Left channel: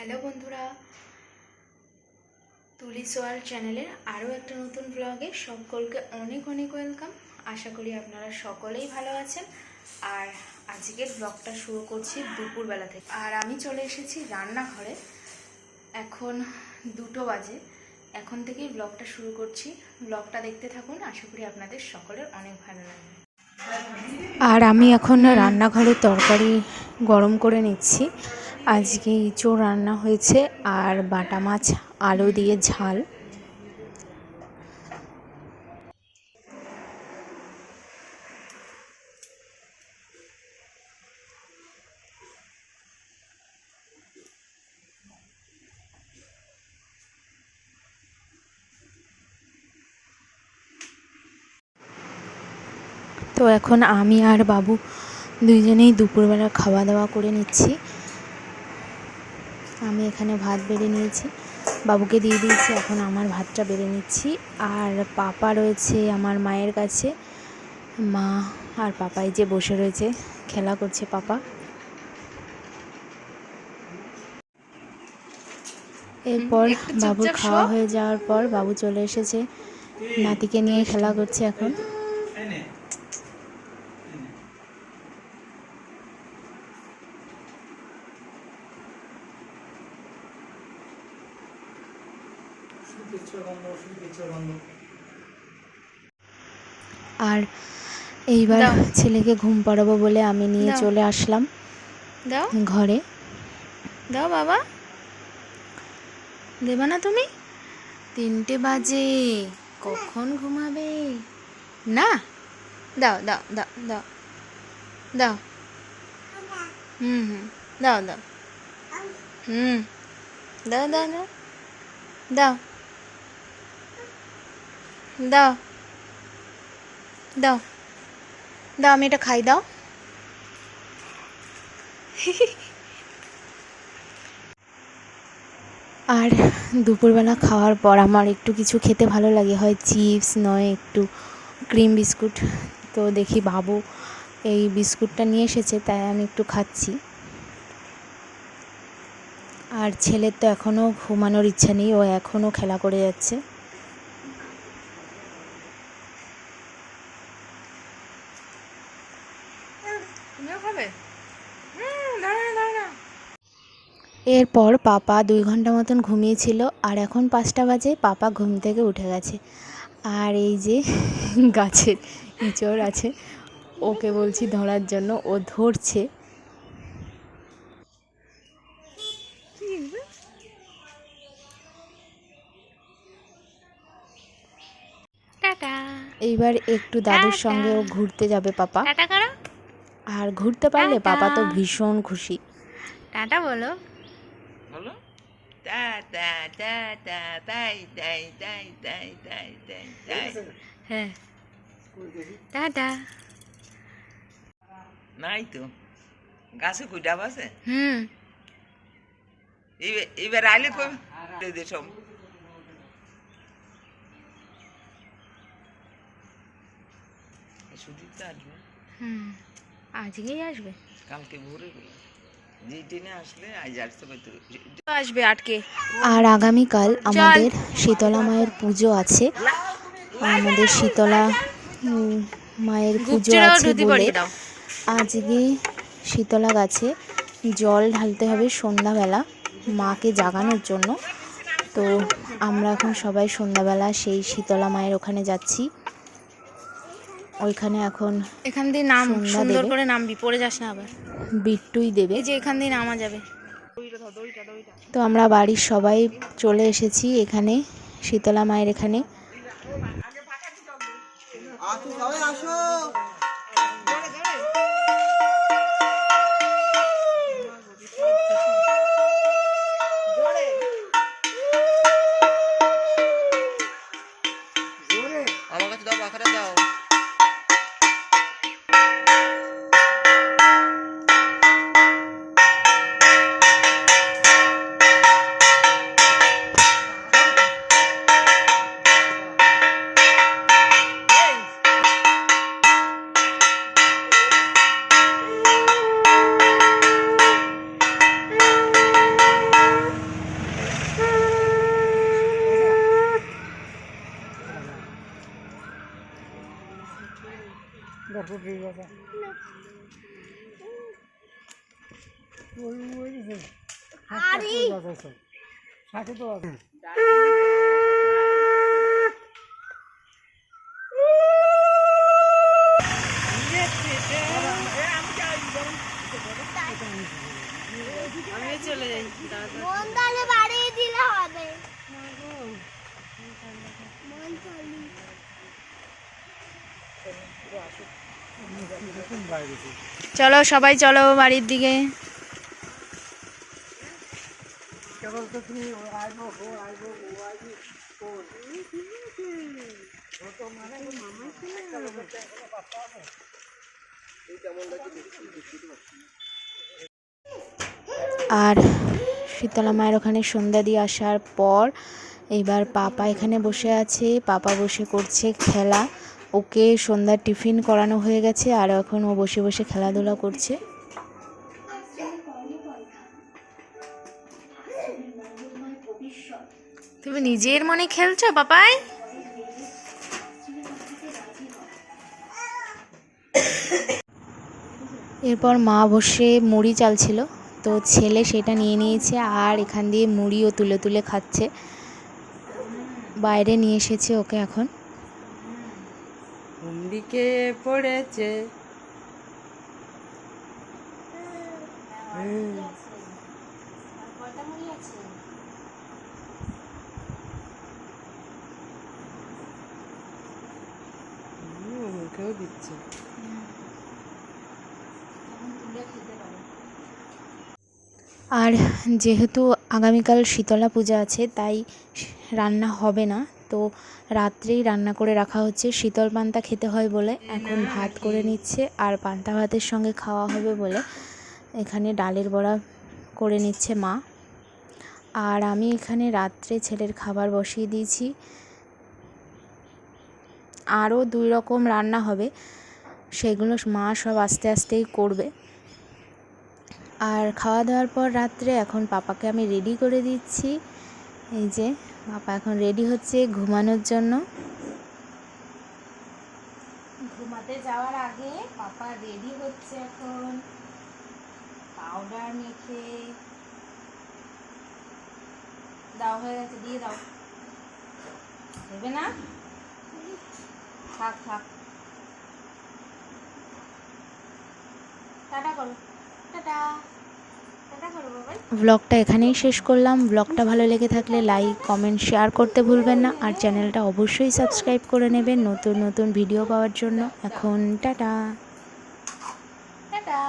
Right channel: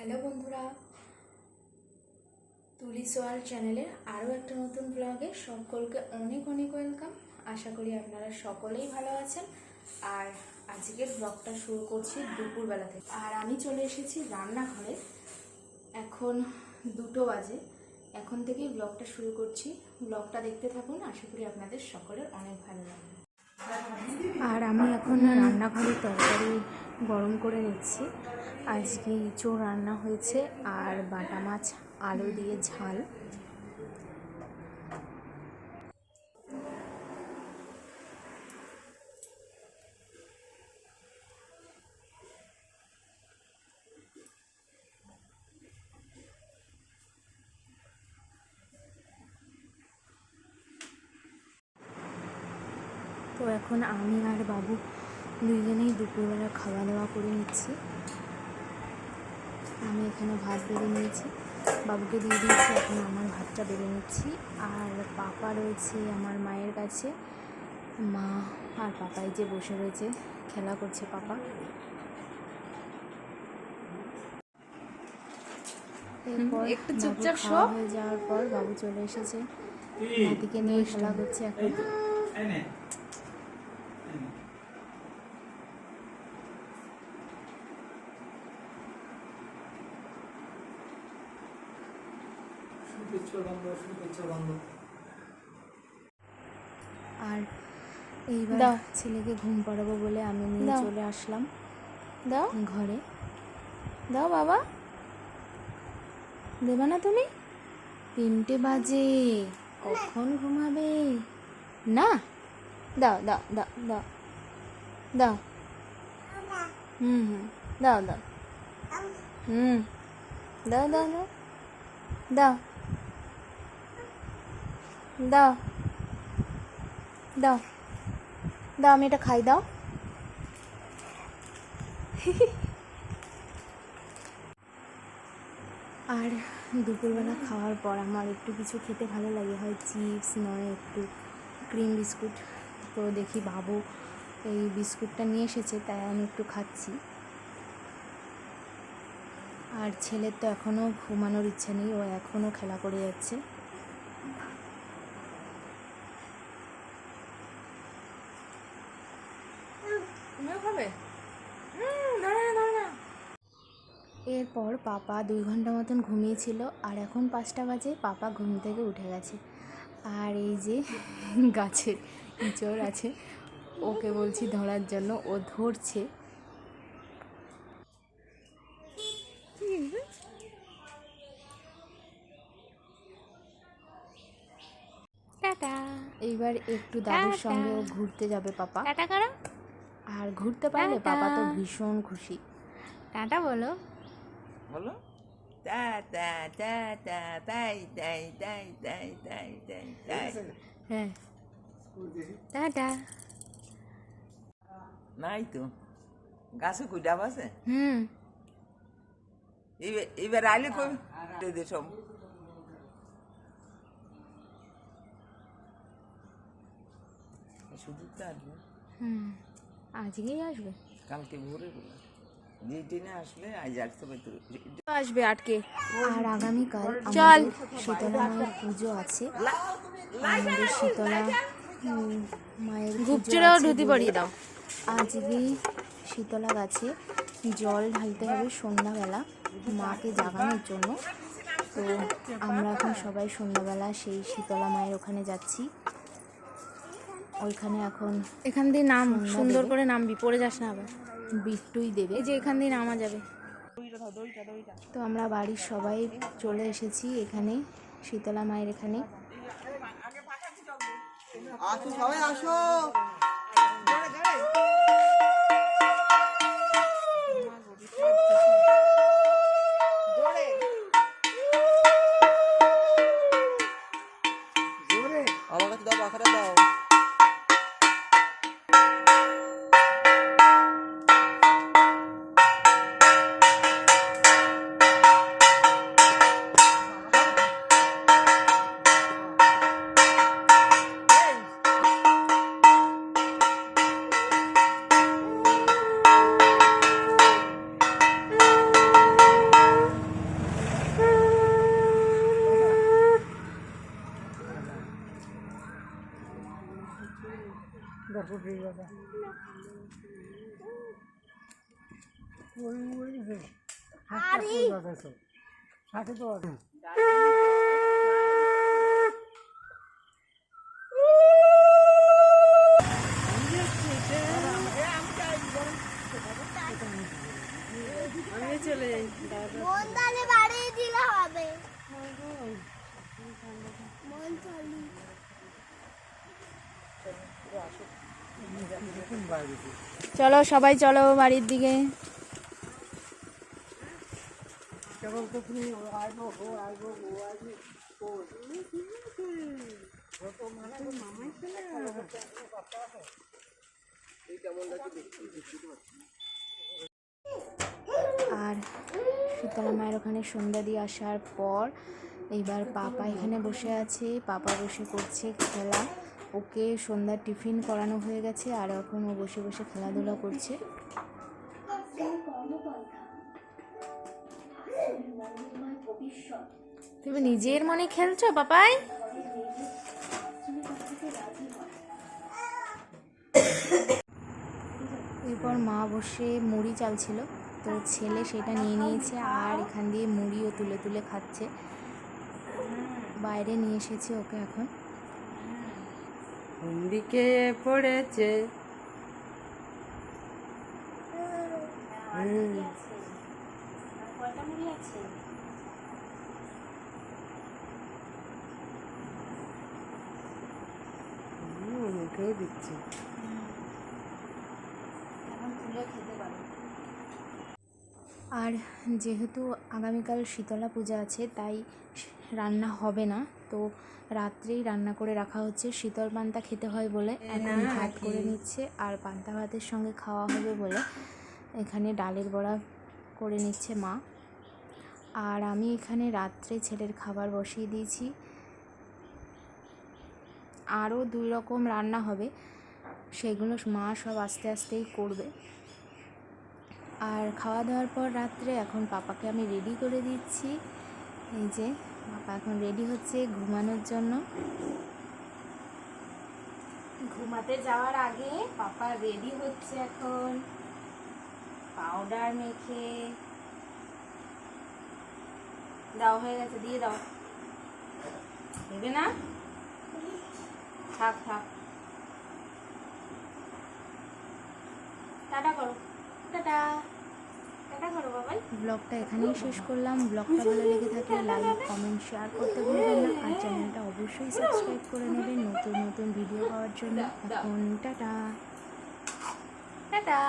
Hello বন্ধুরা, তুলি সোয়াল চ্যানেলের আরও একটা নতুন ব্লগে সকলকে অনেক অনেক ওয়েলকাম। আশা করি আপনারা সকলেই ভালো আছেন। আর আজকের ব্লগটা শুরু করছি দুপুরবেলা থেকে। আর আমি চলে এসেছি রান্নাঘরে। এখন 2টো বাজে। এখন থেকেই ব্লগটা শুরু করছি। ব্লগটা দেখতে থাকুন, আশা করি আপনাদের সকলের অনেক ভালো লাগবে। আর আমি এখন রান্নাঘরে তরকারি গরম করে নিচ্ছি। আজকে ইঁচড় রান্না হয়েছে আর বাটা মাছ আলু দিয়ে ঝাল। তো এখন আমি আর বাবু দুইজনেই দুপুরবেলা খাওয়া দাওয়া করে নিচ্ছি। আমি এখানে ভাত বেড়ে নিয়েছি, বাবুকে দিয়ে দিয়েছি, এখন আমার ভাতটা বেড়ে নিচ্ছি। আর পাপা রয়েছে আমার মায়ের কাছে, মা আর পাপাই যে বসে রয়েছে খেলা করছে পাপা। এরপর বাবু খাওয়া হয়ে যাওয়ার পর বাবু চলে এসেছে, নাতিকে নিয়ে খেলা করছে এখন। আর এইবার ছেলেকে ঘুম পাড়াবো বলে আমি নিয়ে চলে আসলাম ঘরে। দাও বাবা, দেবা না তুমি? 3টে বাজে, কখন ঘুমাবে? না, দাও দাও দাও দাও দাও। দাও দাও। দাও দাও দাও দাও দাও দাও দাও, আমি এটা খাই, দাও। আর দুপুরবেলা খাওয়ার পর আমার একটু কিছু খেতে ভালো লাগে, হয় চিপস নয় একটু ক্রিম বিস্কুট। তো দেখি বাবু এই বিস্কুটটা নিয়ে এসেছে, তাই আমি একটু খাচ্ছি। আর ছেলের তো এখনও ঘুমানোর ইচ্ছা নেই, ও এখনও খেলা করে যাচ্ছে। তুমিও খাবে? এরপর পাপা 2 ঘন্টা মতন ঘুমিয়েছিল, আর এখন 5টা বাজে, পাপা ঘুম থেকে উঠে গেছে। আর এই যে গাছের ইঁচড় আছে, ওকে বলছি ধরার জন্য, ও ধরছে। টাটা। এইবার একটু দাদুর সঙ্গে ও ঘুরতে যাবে পাপা। টাটা করো। আর ঘুরতে পারলে পাপা তো ভীষণ খুশি। টাটা বলো। বলো tata tata bye bye bye bye bye bye bye. হ্যাঁ, টাটা। নাই তো, গাছে কই ডাব আছে? এবার আইলে কই দে সব। সুদীপ তো আসবে। আজকেই আসবে, কালকে ভোরে বলে যে ট্রেনে আসলে আজ আসতে পারতো, আসবে আটকে। আর আগামীকাল আমাদের শীতলা মায়ের পুজো আছে। আমাদের শীতলা মায়ের পুজো আছে বলে আজকে শীতলা গাছে জল ঢালতে হবে সন্ধ্যাবেলা, মাকে জাগানোর জন্য। তো আমরা এখন সবাই সন্ধ্যাবেলা সেই শীতলা মায়ের ওখানে যাচ্ছি। ওইখানে এখন এখান দিয়ে নাম সুন্দর করে নামবি, পড়ে যাস না আবার। বিট্টুই দেবে, এই যে এখান দিয়ে নামা যাবে। তো আমরা বাড়ির সবাই চলে এসেছি এখানে শীতলা মায়ের এখানে। আসো সবাই আসো। আমার কাছে দাও, পাখাটা দাও। মন্দারে বাড়িয়ে দিলে হবে। চলো সবাই চলো বাড়ির দিকে। আর শীতলা মায়ের ওখানে সন্ধ্যা দিয়ে আসার পর এবার পাপা এখানে বসে আছে, পাপা বসে করছে খেলা। ওকে সন্ধ্যার টিফিন করানো হয়ে গেছে আর এখন ও বসে বসে খেলাধুলা করছে। তুমি নিজের মনে খেলছো পাপাই? এরপর মা বসে মুড়ি চালছিল, তো ছেলে সেটা নিয়ে নিয়েছে আর এখান দিয়ে মুড়িও তুলে তুলে খাচ্ছে। বাইরে নিয়ে এসেছে ওকে এখন। কোন দিকে পড়েছে? মুখেও দিচ্ছে। আর যেহেতু আগামীকাল শীতলা পূজা আছে তাই রান্না হবে না, তো রাত্রেই রান্না করে রাখা হচ্ছে। শীতল পান্তা খেতে হয় বলে এখন ভাত করে নিচ্ছে, আর পান্তা ভাতের সঙ্গে খাওয়া হবে বলে এখানে ডালের বড়া করে নিচ্ছে মা। আর আমি এখানে রাত্রে ছেলের খাবার বসিয়ে দিয়েছি। আরও 2 রকম রান্না হবে, সেগুলো মা সব আস্তে আস্তেই করবে। আর খাওয়া দাওয়ার পর রাত্রে এখন পাপাকে আমি রেডি করে দিচ্ছি। এই যে পাপা এখন রেডি হচ্ছে ঘুমানোর জন্য। ঘুমাতে যাওয়ার আগে পাপা রেডি হচ্ছে এখন পাউডার মেখে। দাও, হয়ে গেছে, দিয়ে দাও। দেবে না? থাক থাক, টাটা করো, টাটা টাটা করো বাবা। ব্লগটা এখানেই শেষ করলাম। ব্লগটা ভালো লেগে থাকলে লাইক, কমেন্ট, শেয়ার করতে ভুলবেন না। আর চ্যানেলটা অবশ্যই সাবস্ক্রাইব করে নেবেন নতুন নতুন ভিডিও পাওয়ার জন্য। এখন টাটা টাটা।